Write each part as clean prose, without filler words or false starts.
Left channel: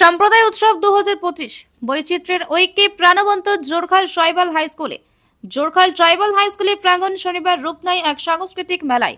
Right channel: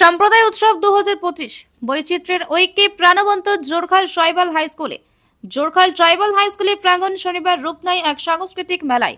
সম্প্রদায় উৎসব 2025 বৈচিত্র্যের ঐক্যে প্রাণবন্ত জোরখাল ট্রাইবাল হাই স্কুলে। জোরখাল ট্রাইবাল হাই স্কুলের প্রাঙ্গণ শনিবার রূপ নেয় এক সাংস্কৃতিক মেলায়,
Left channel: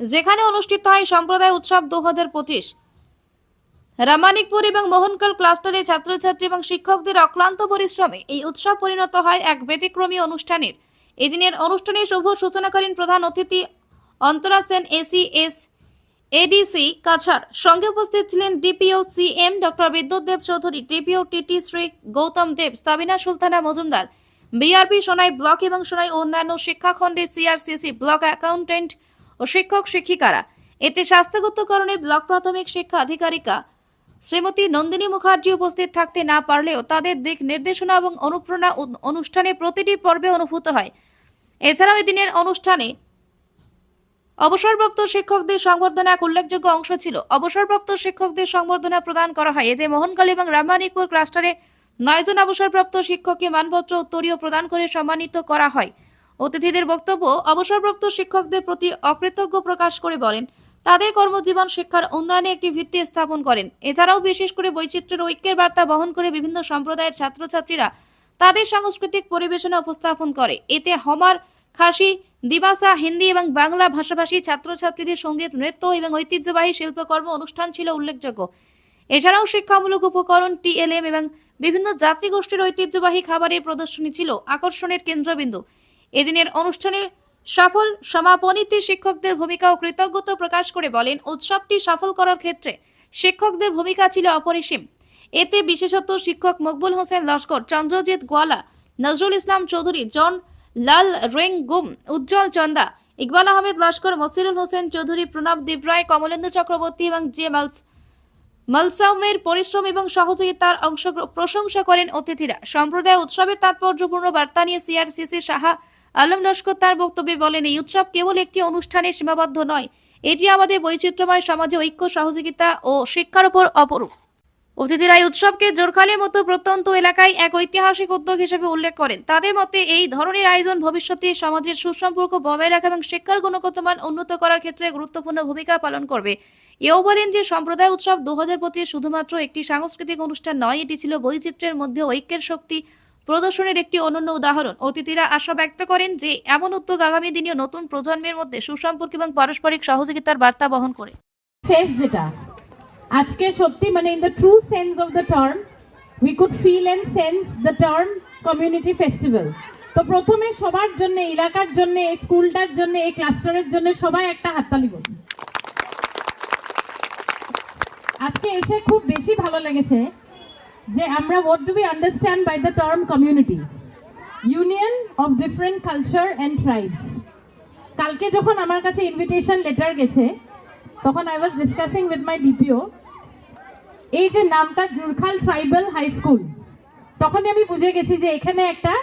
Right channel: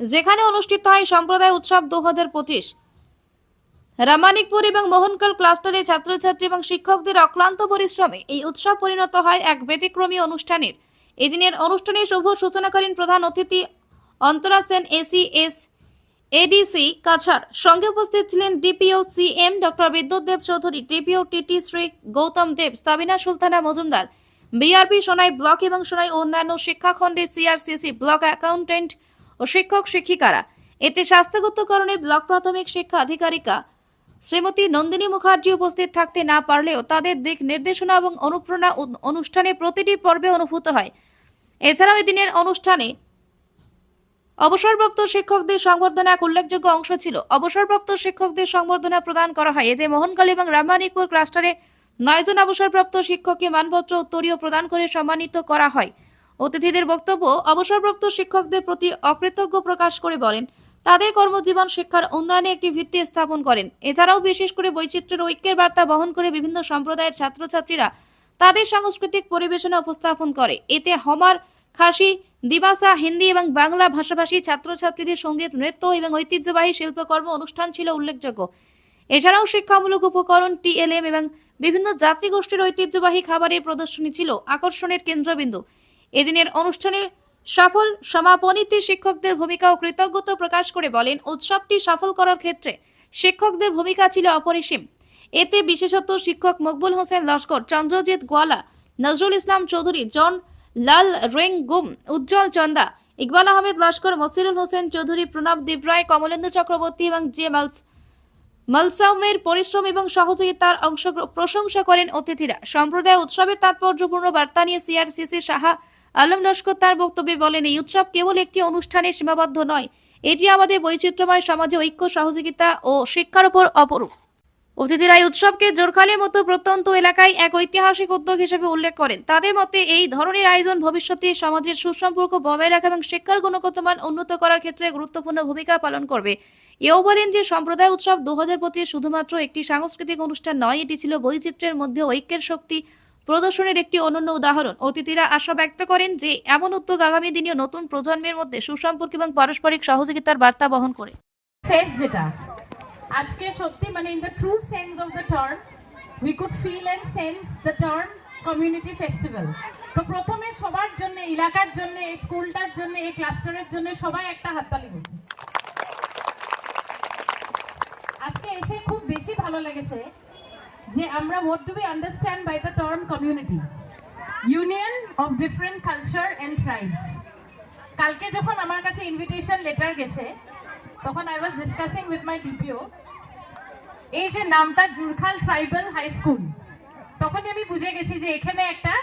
যেখানে অনুষ্ঠিত হয় সম্প্রদায় উৎসব 2025। রামানিকপুর এবং মোহনকাল ক্লাস্টারে ছাত্রছাত্রী এবং শিক্ষকদের অক্লান্ত পরিশ্রমে এই উৎসব পরিণত হয় এক ব্যতিক্রমী অনুষ্ঠানের। এদিনের অনুষ্ঠানে শুভ সূচনা করেন প্রধান অতিথি অন্তরা সেন এসিএস এডিসি কাছাড়। সঙ্গে উপস্থিত ছিলেন ডিপিও সিএম ডক্টর বিদ্যুৎ দেব চৌধুরী, ডিপিও টিটি শ্রী গৌতম দেব, সাবিনা সুলতানা মজুমদার, বিআরপি সোনাই ব্লক এবং সোনাই অন্যান্য শিক্ষাখণ্ডে সিআরসিসি ব্লক অ্যাকাউন্টেন্ট ও শিক্ষক শিক্ষিকারা। এতে স্বাস্থ্যগত কারণে ব্লক প্রাথমিক শিক্ষা আধিকারিকা শ্রীমতী নন্দিনী মুখার্জি উপস্থিত থাকতে না পারলেও তাদের দিক নির্দেশনা এবং অনুপ্রেরণা অনুষ্ঠানে প্রতিটি পর্বে অনুভূত হয়। এছাড়াও এদিনের অনুষ্ঠানে অবসরপ্রাপ্ত শিক্ষকদের সংবর্ধনা এক উল্লেখযোগ্য অংশ ছিল। অবসরপ্রাপ্ত শিক্ষকদের সংবর্ধনা প্রদান করা হয়। এতে মোহনকালী এবং রামানিকপুর ক্লাস্টারে 9 জন অবসরপ্রাপ্ত শিক্ষককে মানপত্র উত্তরীয় প্রদান করে সম্মানিত করা হয়। অতিথিদের বক্তব্য অবসরপ্রাপ্ত শিক্ষকদের প্রতি অকৃতজ্ঞ প্রকাশ করে বলেন তাদের কর্মজীবন শিক্ষার উন্নয়নে একটি ভিত্তি স্থাপন করেন। এছাড়াও বিশেষ করে বৈচিত্র্যের ঐক্যের বার্তা বহন করে বিভিন্ন সম্প্রদায়ের ছাত্রছাত্রীরা তাদের সাংস্কৃতিক পরিবেশনা উপস্থাপন করে। এতে হমার, খাসি, দিবাসা, হিন্দি এবং বাংলা ভাষাভাষী ছাত্রছাত্রীদের সঙ্গীত, নৃত্য এবং ঐতিহ্যবাহী শিল্পকর্ম অনুষ্ঠান ছিল উল্লেখযোগ্য। এছাড়াও শিক্ষামূলক উপকরণ, টিএলএম এবং বিভিন্ন জাতিগোষ্ঠীর ঐতিহ্যবাহী খাবারের প্রদর্শনী ছিল আকর্ষণের কেন্দ্রবিন্দু। এদিনের অনুষ্ঠানে সফল সমাপনীতে শিক্ষকদের ভূমিকা ও কৃতজ্ঞতা প্রকাশ করে বলেন উৎসবটি সফল করার ক্ষেত্রে শিক্ষকদের ভূমিকা ছিল অপরিসীম। এতে বিশেষত শিক্ষক মকবুল হোসেন লস্কর, চন্দ্রজিৎ গোয়ালা, নজরুল ইসলাম চৌধুরী, জন লাল রেঙ্গুম, উজ্জ্বল চন্দা, ইকবাল আহমেদ লস্কর, মসিরুল হোসেন চৌধুরী, প্রণব দেবরায়, কমলেন্দু চক্রবর্তী এবং জে মালসাউমের পরিশ্রম এবং সহযোগিতার প্রশংসা করেন অতিথিরা। সম্প্রদায় উৎসবের তাৎপর্যপূর্ণ বার্তা নিয়ে সিআরসিসি শাহ আলম লস্কর তার বক্তব্যে বলেন এই উৎসব কেবল একটি অনুষ্ঠানে সীমাবদ্ধ নয়, এটি আমাদের বৈচিত্র্যময় সমাজে ঐক্য, সহযোগিতা ও শিক্ষার উপর অপরূপ। অতিথিরা এই উৎসবকে জোরখালের মতো প্রত্যন্ত এলাকায় এক ঐতিহাসিক উদ্যোগ হিসেবে উল্লেখ করেন। তাদের মতে এই ধরনের আয়োজন ভবিষ্যতে সমাজের সুসম্পর্ক বজায় রাখা এবং শিক্ষার গুণগত মান উন্নত করার ক্ষেত্রে গুরুত্বপূর্ণ ভূমিকা পালন করবে। এও বলেন যে সম্প্রদায় উৎসব 2025 শুধুমাত্র একটি সাংস্কৃতিক অনুষ্ঠান নয়, এটি ছিল বৈচিত্র্যের মধ্যে ঐক্যের শক্তি প্রদর্শনের একটি অনন্য উদাহরণ। অতিথিরা আশা ব্যক্ত করেন যে এমন উদ্যোগ আগামী দিনে নতুন প্রজন্মের মধ্যে সুসম্পর্ক এবং পারস্পরিক সহযোগিতার বার্তা বহন করে। আজকে সত্যি মানে in the true sense of the term we could feel and sense the term community festival. তো প্রথমে সবার জন্য, এলাকার জন্য, এই স্কুলটার জন্য, এই ক্লাস্টারের জন্য সবাই একটা হাততালি করুন। আজকে এসে খুব বেশি ভালো লেগেছে যে আমরা what do we understand by the term community, union of different culture and tribes. কালকে যখন আমার কাছে ইনভিটেশন লেটার গেছে তখন I was discussing with my DPO, এই যে নামটা জোরখাল ট্রাইবাল হাই স্কুল, তখনই আমি বুঝে গেছি যে এখানে একটা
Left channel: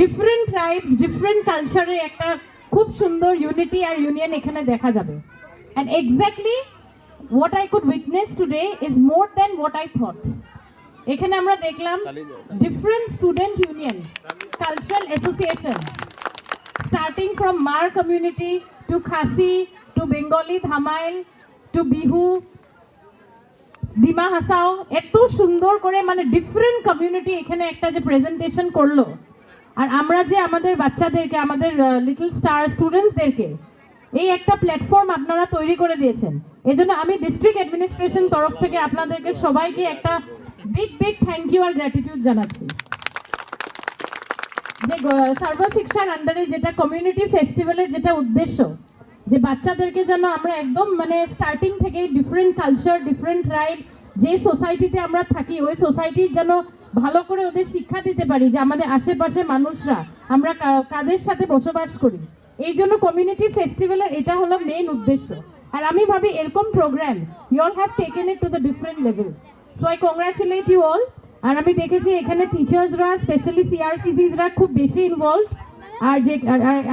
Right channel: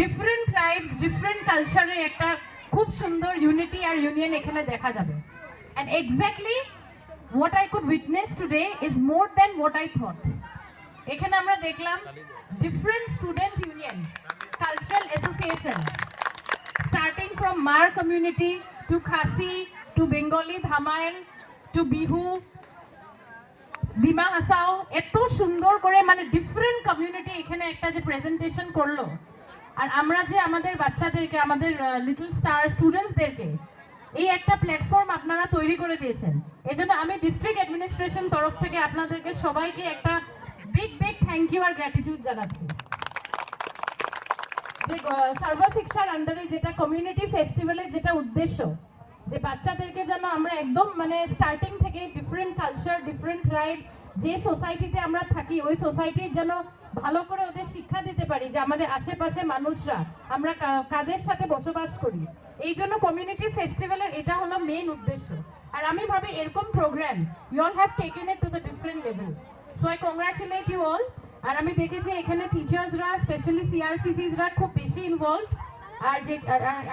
ডিফারেন্ট ট্রাইবস, ডিফারেন্ট কালচারের একটা খুব সুন্দর ইউনিটি আর ইউনিয়ন এখানে দেখা যাবে। And exactly what I could witness today is more than what I thought. এখানে আমরা দেখলাম different student union, cultural association, starting from Mar community to Khasi to Bengali Dhamail to Bihu, Dima Hasao, এত সুন্দর করে মানে different community এখানে একটা যে প্রেজেন্টেশন করলো। আর আমরা যে আমাদের বাচ্চাদেরকে, আমাদের লিটল স্টার স্টুডেন্টসদেরকে এই একটা প্ল্যাটফর্ম আপনারা তৈরি করে দিয়েছেন, এই জন্য আমি ডিস্ট্রিক্ট অ্যাডমিনিস্ট্রেশন তরফ থেকে আপনাদেরকে সবাইকে একটা বিগ থ্যাংক ইউ আর গ্র্যাটিটিউড জানাচ্ছি। যে সর্বশিক্ষার আন্ডারে যেটা কমিউনিটি ফেস্টিভ্যালের যেটা উদ্দেশ্য, যে বাচ্চাদেরকে যেন আমরা একদম মানে স্টার্টিং থেকে ডিফারেন্ট কালচার, ডিফারেন্ট ট্রাইব, যে সোসাইটিতে আমরা থাকি ওই সোসাইটির যেন ভালো করে ওদের শিক্ষা দিতে পারি যে আমাদের আশেপাশে মানুষরা আমরা কাদের সাথে বসবাস করি। এই জন্য কমিউনিটি ফেস্টিভ্যালের এটা হলো মেইন উদ্দেশ্য। আর আমি ভাবি এরকম program you all have taken it to the different level, so I congratulate you all. আর আমি দেখেছি এখানে টিচার্সরা, স্পেশালি সিআরসিসিসরা খুব বেশি ইনভলভ। আর যে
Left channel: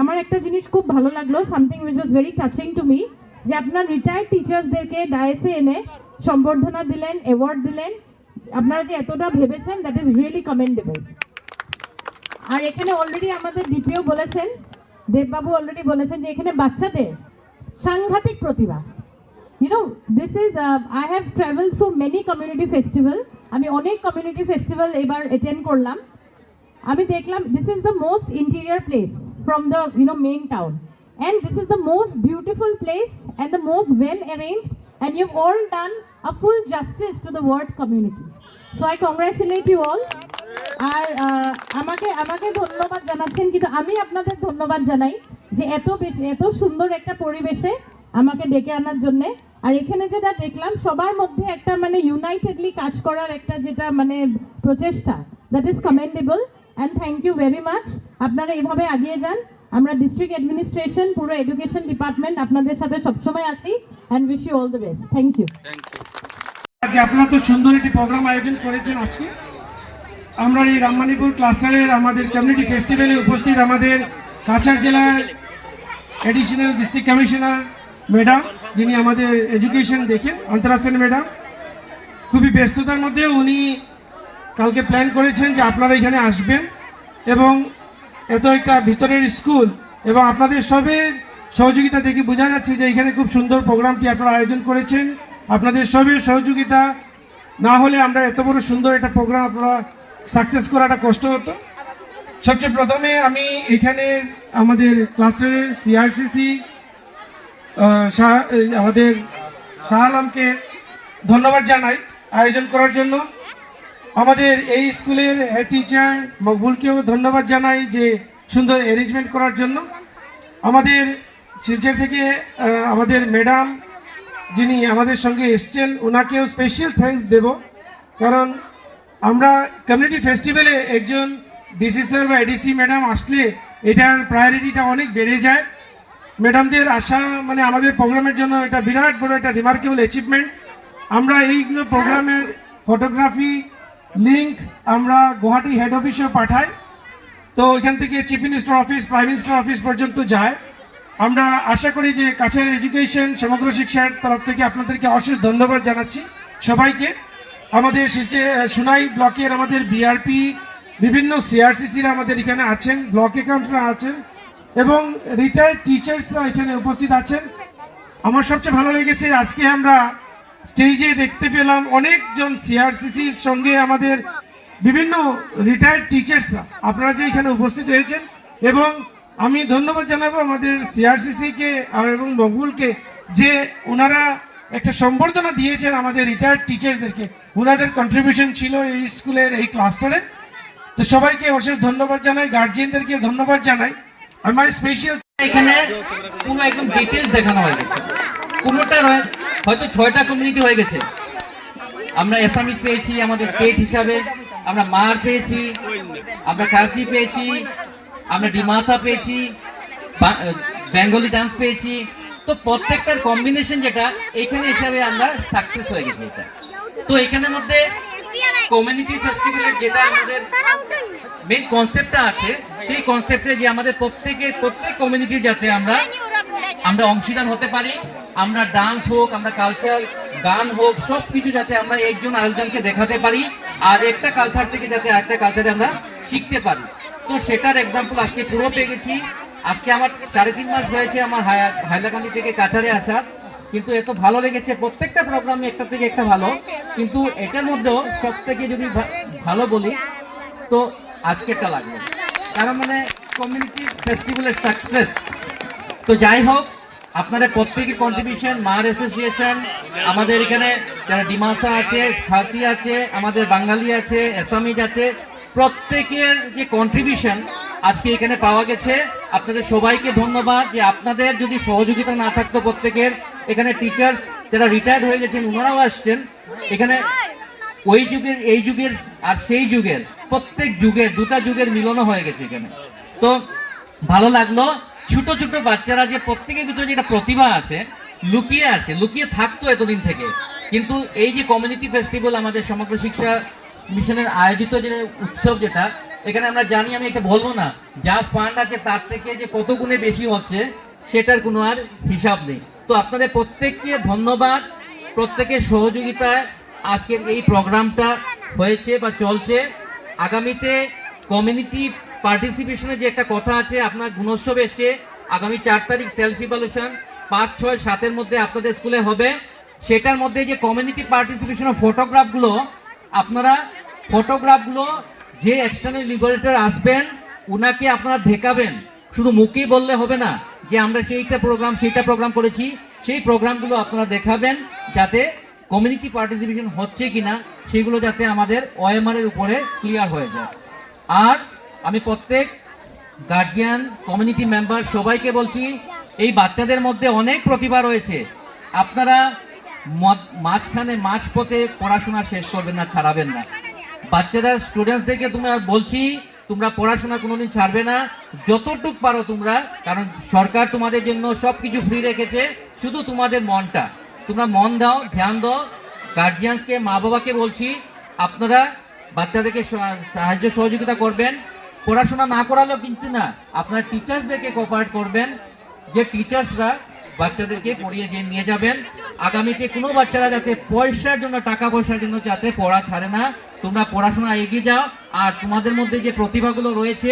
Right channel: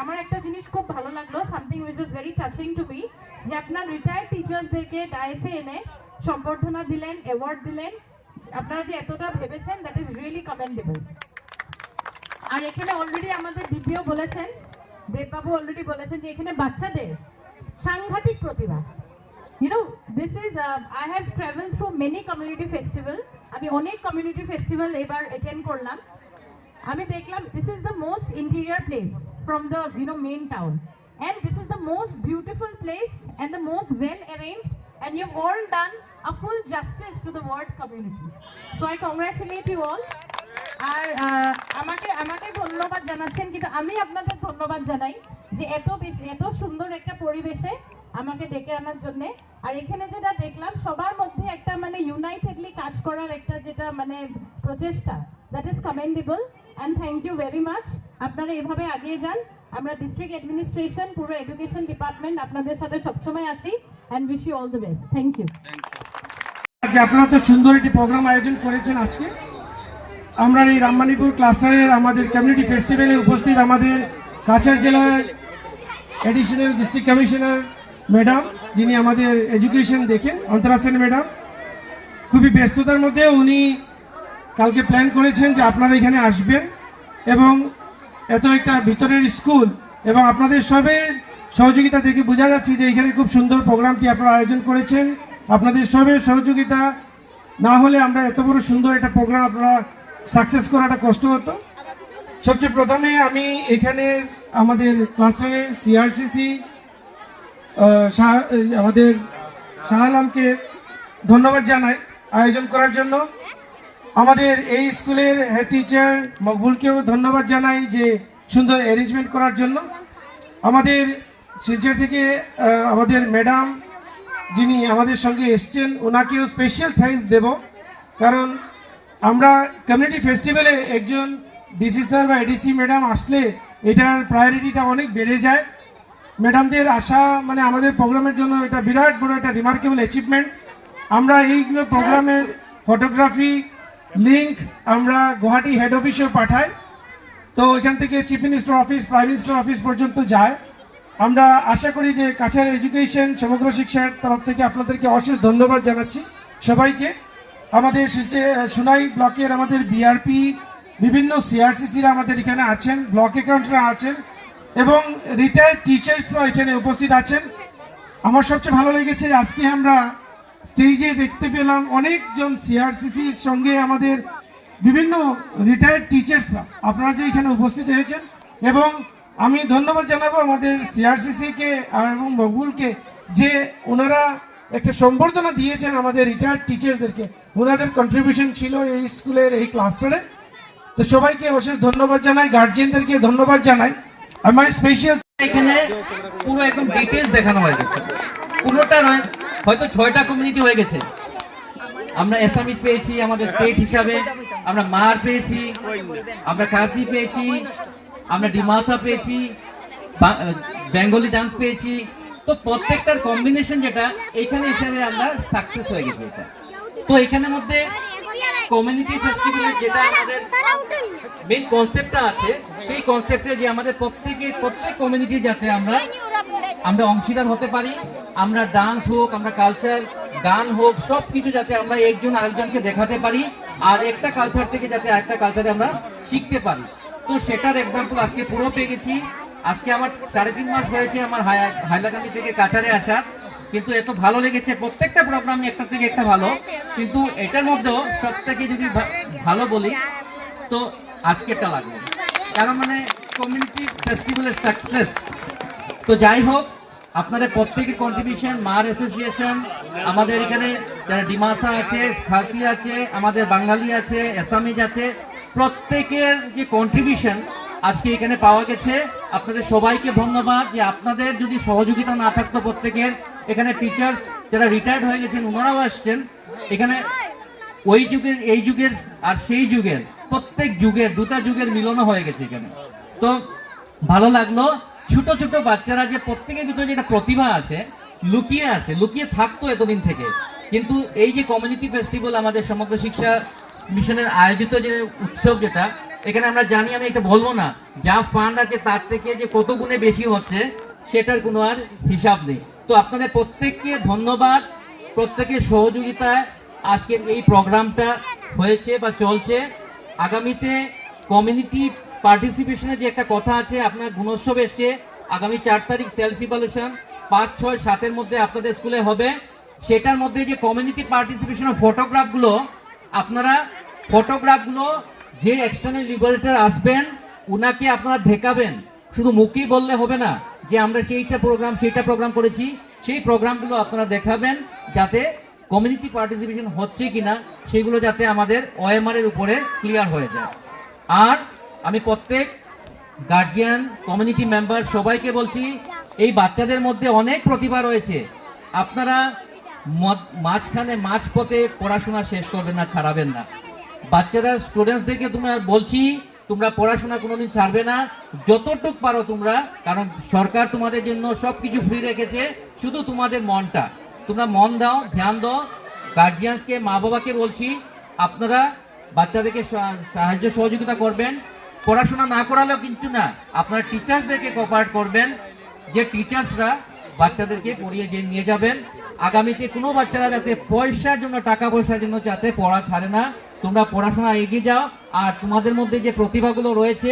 আমার একটা জিনিস খুব ভালো লাগলো, something which was very touching to me, যে আপনার রিটায়ার্ড টিচার্সদেরকে ডায়েসে এনে সম্বর্ধনা দিলেন, অ্যাওয়ার্ড দিলেন। আপনারা যে এতটা ভেবেছেন দ্যাট ইজ রিয়েলি কমেন্ডেবল। আর এখানে অলরেডি আমাদের ডিপিও বলেছেন, দেববাবু অলরেডি বলেছেন যে এখানে বাচ্চাদের সাংঘাতিক প্রতিভা। You know, this is, I have traveled through many community festival. আমি অনেক community festival এবার attend করলাম। আমি দেখলাম this is the most interior place from the main town, and this is the most beautiful place and the most well arranged, and you've all done a full justice to the word community. So I congratulate you all. আর আমাকে ধন্যবাদ জানাচ্ছেন, কিন্তু আমি আপনাদের ধন্যবাদ জানাই যে এত সুন্দর একটা পরিবেশে আমাকে ডেকে আনার জন্য। আর এখানে যেটা দেখলাম সবার মধ্যে একটা মানে ইউনাইটেডলি কাজ করার একটা যেটা মানে প্রচেষ্টা, that is commendable and thank you very much. আপনারা এইভাবে এগিয়ে যান। আমরা ডিস্ট্রিক্ট অ্যাডমিনিস্ট্রেশন, পুরো এডুকেশন ডিপার্টমেন্ট আপনাদের সাথে সবসময় আছি, and wish you all the best. Thank you. আপনারা তো সুন্দর একটি প্রোগ্রাম আয়োজন করেছেন আজকে। আমরা এই রামমানিপুর ক্লাস্টারের আমাদের কমিউনিটি ফেস্টিভ্যালে উপস্থিত আমাদের কাছাড় জেলার এডিশনাল ডিস্ট্রিক্ট কমিশনার ম্যাডাম, যিনি আমাদের এডুকেশন দেখেন, অন্তরা সেন ম্যাডাম, খুবই ব্যস্ততার মধ্যে উনি কালকে প্ল্যান করেছেন যে আপনারা এখানে আসবেন এবং এত একটা ভিতরের স্কুল এবং আপনাদের সবের সহযোগিতা দেখে বোঝা যাচ্ছে যে এখানে খুব সুন্দর প্রোগ্রামটি আপনারা আয়োজন করেছেন। আপনাদের সবের সহযোগিতা না হলে আমরা এত বড় সুন্দর একটা প্রোগ্রাম আপনারা সাকসেস করাটা কষ্ট হতো। সবচেয়ে প্রথমে আমি এখানে আমাদের ক্লাস্টারের সিআরসিসি আমাদের শাহ আলমকে ধন্যবাদ জানাই আয়োজন করার জন্য। আমাদের এই স্কুলের হেড টিচার মকবুলকেও ধন্যবাদ জানাই যে সুন্দর অ্যারেঞ্জমেন্ট করার জন্য। আমাদের শিলচর থেকে আমাদের ম্যাডাম যিনি আমাদের সঙ্গে এসছেন, ওনাকেও স্পেশাল থ্যাঙ্কস দেব, কারণ আমরা কমিউনিটি ফেস্টিভ্যালে একজন ডিসি স্যার বা এডিসি ম্যাডাম আসলে এটার প্রায়োরিটিটা অনেক বেড়ে যায়। ম্যাডামদের আসা মানে আমাদের প্রোগ্রামের জন্য এটা বিরাট বড় একটা রিমার্কেবল অ্যাচিভমেন্ট। আমরা এইগুলো প্রোগ্রামের ফটোগ্রাফি লিঙ্ক আমরা গুয়াহাটি হেড অফিসেও পাঠাই, তো এখান থেকে chief minister office, prime minister office পর্যন্ত যায়। আমরা আশা করি যে কাছাড় এডুকেশন সমগ্র শিক্ষার তরফ থেকে আপনাদেরকে অশেষ ধন্যবাদ জানাচ্ছি সবাইকে। আমাদের সুনাই ব্লকের আমাদের বিআরপি, বিভিন্ন সিআরসিসিরা আমাদের এখানে আছেন, ব্লক অ্যাকাউন্টেন্টরা আছেন এবং রিটায়ার্ড টিচার্সরা এখানে উপস্থিত আছেন। আমার সবচেয়ে ভালো লেগেছে আজকে আমরা স্টেজে দেখতে পেলাম অনেকজন সিআরসিসির সঙ্গে আমাদের বিভিন্ন রিটায়ার্ড টিচার্সরা আপনারা যে এখানে উপস্থিত হয়েছেন, এবং আমি ধন্যবাদ জানাবো আমাদের সিআরসিসিকে এবং মকবুলকে যে ওনারা একটা সম্বর্ধনা দিয়েছেন আমাদের রিটায়ার্ড টিচার্সদেরকে। ওনাদের কন্ট্রিবিউশন ছিল এই স্কুলের এই ক্লাস্টারে। তো সবাইকে অশেষ ধন্যবাদ জানাই, গার্জিয়ানদেরকে ধন্যবাদ জানাই। আমার স্পেশাল এখানে পুরো একদম ডিটেইলস দেখানো হয়ে গেছে। পুরোটা হয়তো 6টা কমিউনিটি হয়ে গেছে। আমরা এসামিক পেয়েছি আমাদের স্টেট হিসাবে, আমরা মার পেয়েছি, আমরা খাসি পেয়েছি, আমরা ডিমাসা পেয়েছি, বেঙ্গলি ডান্স পেয়েছি। তো প্রত্যেকটার কম্বিনেশন যেটা এইখানে হিসাবে আমরা সাকসেস হয়ে গেছি এটা। তো এখানের মধ্যে কমিউনিটি ফেস্টিভ্যালের যেটা আমাদের মেইন কনসেপ্টটা আছে, সেই কনসেপ্টে যে আমাদের প্রত্যেক কমিউনিটির যাতে আমরা অংশীদার হতে পারি, আমরা ডান্স হোক, আমরা কালচার গান হোক, সব কিছু যাতে আমরা একজন আরেকজনকে দেখাতে পারি, আর একটা কালচার থেকে যাতে আরেকটা কালচারে আমরা শিখতে পারি। তো সেটার এক্সাম্পল আজকে পুরো পেয়ে গেছি। আজকে আমার 3.5 মাস হয়েছে আমার হাইলাকান্দি থেকে কাছাড়ে আসা, কিন্তু এত ভালো লেগেছে। প্রত্যেকটা প্রোগ্রামই একটা থেকে একটা ভালো, কিন্তু এটার মধ্যেও সব থেকে যদি ভালো বলি তো আজকেরটা লাগলো, কারণ মানে কমিউনিটি ফেস্টিভ্যালের সাকসেস। তো যাই হোক, আপনাদের প্রত্যেকের কন্ট্রিবিউশন, মার অ্যাসোসিয়েশন, আমাদের এখানে যারা ডিমাসা আছে, খাসি আছে, আমাদের বাঙালি আছে, আসামিজ আছে, প্রত্যেকের যে কন্ট্রিবিউশন আজকে এখানে পাওয়া গেছে। আপনাদের সবাইকে ধন্যবাদ। যে আপনাদের যদি সহযোগিতা না থাকতো, প্রত্যেকের এখানে টিচার যারা রিটায়ার্ড হয়ে গেছেন ওনারাও আসছেন এখানে, ওই যুগের এই যুগের আর সেই যুগের প্রত্যেক যুগের দুটা যুগের মিলনও হয়ে গেছে এখানে। তো ভালো লাগলো। ছোট ছোট বাচ্চারা যে প্রত্যেকের ভিতরে যেটা প্রতিভা আছে, লুকিয়ে থাকতো এতদিন থেকে, কিন্তু এই যে কমিউনিটি ফেস্টিভ্যাল আমাদের সমগ্র শিক্ষা মিশনের আয়োজিত যে উৎসব, যেটা এখানে আমরা জানি, আমি এটা বলবো না, যা ফান্ড আছে তার থেকে যে কত গুণে বেশি হচ্ছে সেটার কোনো আর হিসাব নেই। তো আপনাদের প্রত্যেককে ধন্যবাদ, প্রত্যেকের সহযোগিতায় আজকের এই প্রোগ্রামটা হয়েছে বা চলছে। আগামীতে কমিউনিটি পার্টিসিপেশনের যে একটা কথা আছে, আপনার গুণোৎসব এসছে, আগামী 4 তারিখ সেলফ ইভ্যালুয়েশন 5, 6, 7-এর মধ্যে আপনাদের স্কুলে হবে। সেটার মধ্যে যে কমিউনিটি পার্টিসিপেশন ফটোগ্রাফগুলো, আপনারা ফটোগ্রাফগুলো যে এক্সটার্নাল লিবারেটর আসবেন উনাকে আপনারা দেখাবেন, শুধু মুখেই বললে হবে না যে আমরা সেইটা প্রোগ্রাম করেছি। সেই প্রোগ্রামগুলো আপনারা দেখাবেন যাতে কমিউনিটি পার্টিসিপেশন হচ্ছে কিনা সেগুলো যাতে আমাদের OMR এর উপরে ক্লিয়ার হয়ে যায়। আর আমি প্রত্যেক গার্জিয়ান, কমিউনিটি মেম্বার সবাইকে বলছি, এই বাচ্চাদের মধ্যে অনেক প্রতিভা রয়েছে। আপনারা মাঝপথে পড়াশোনা শেষ করবেন না, ছাড়াবেন না। বাচ্চারা, স্টুডেন্টসদেরকে তোমরা বলছি, তোমরা পড়াশোনা কোনোদিন ছাড়বে না, যতটুক পারো তোমরা, কারণ সরকার তোমাদের জন্য সবকিছু ফ্রি রেখেছে, শুধু তোমাদের মনটা, তোমরা মন দাও, ধ্যান দাও। গার্জিয়ানসকে, মা বাবাকে বলছি, আপনারা বাচ্চাদেরকে সাহায্য সহযোগিতা করবেন। পড়াশোনা না করালেও কিন্তু না, আপনার টিচার্সদেরকে কোঅপারেট করবেন, যে টিচার্সরা বাচ্চাদেরকে পড়িয়ে নিয়ে যাবেন। আগামীতে কোনো বাচ্চারা যাতে টাকা পয়সার জন্য যাতে পড়া ছাড়ে না, তোমরা পড়াশোনা এগিয়ে যাও। আর তোমাদের মধ্যে যে প্রতিভাগুলো রয়েছে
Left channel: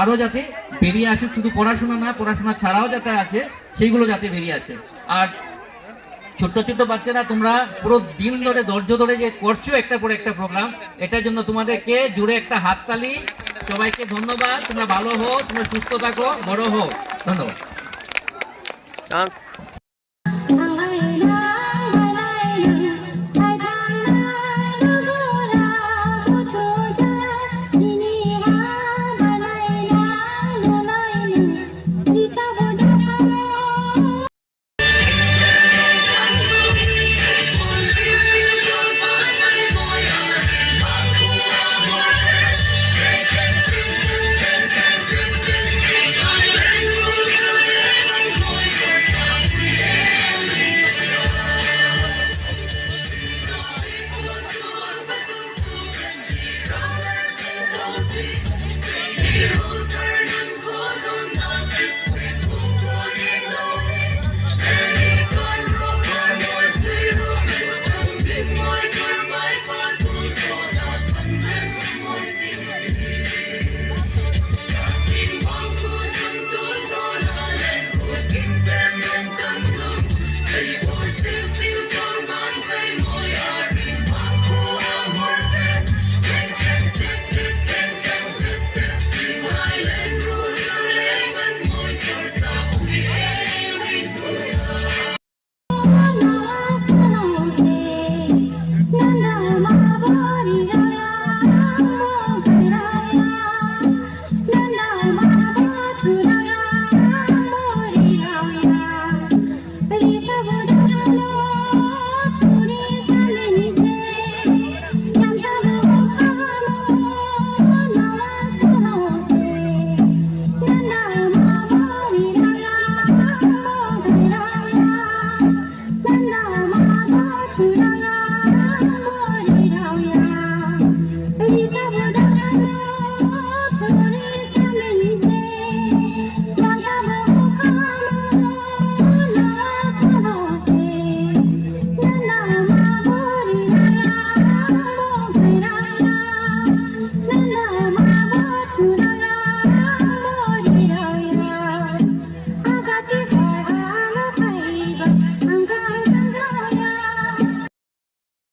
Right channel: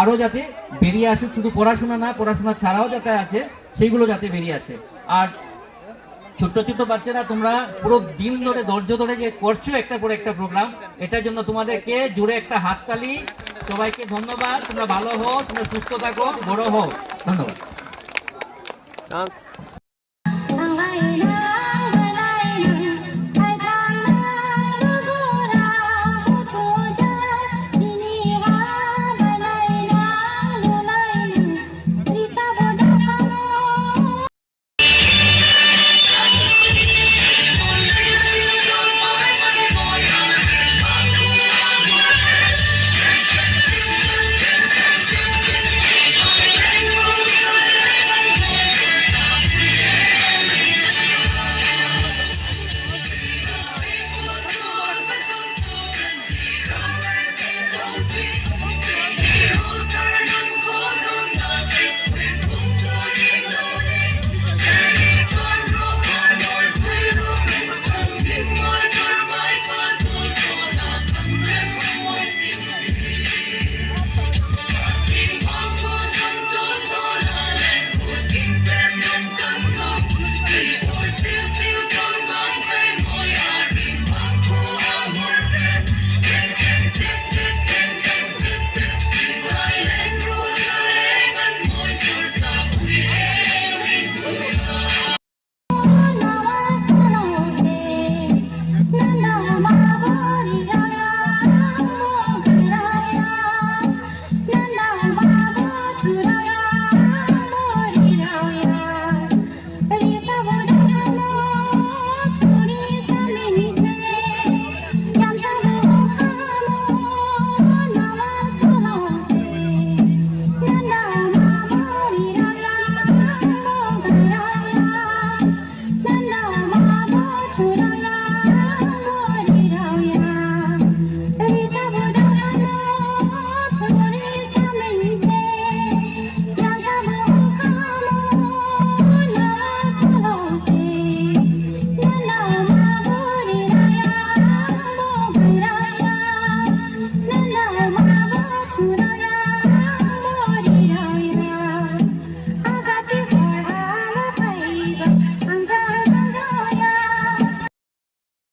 আরো যাতে বেরিয়ে আসে, শুধু পড়াশোনা না, পড়াশোনা ছাড়াও যাতে আছে সেইগুলো যাতে বেরিয়ে আসে। আর ছোট্ট ছোট্ট বাচ্চারা, তোমরা পুরো দিন ধরে ধৈর্য ধরে যে করছো একটা পর একটা প্রোগ্রাম, এটার জন্য তোমাদেরকে জুড়ে একটা হাততালি। সবাইকে ধন্যবাদ। তোমরা ভালো হও, তোমরা সুস্থ থাকো, বড় হও। ধন্যবাদ। Don't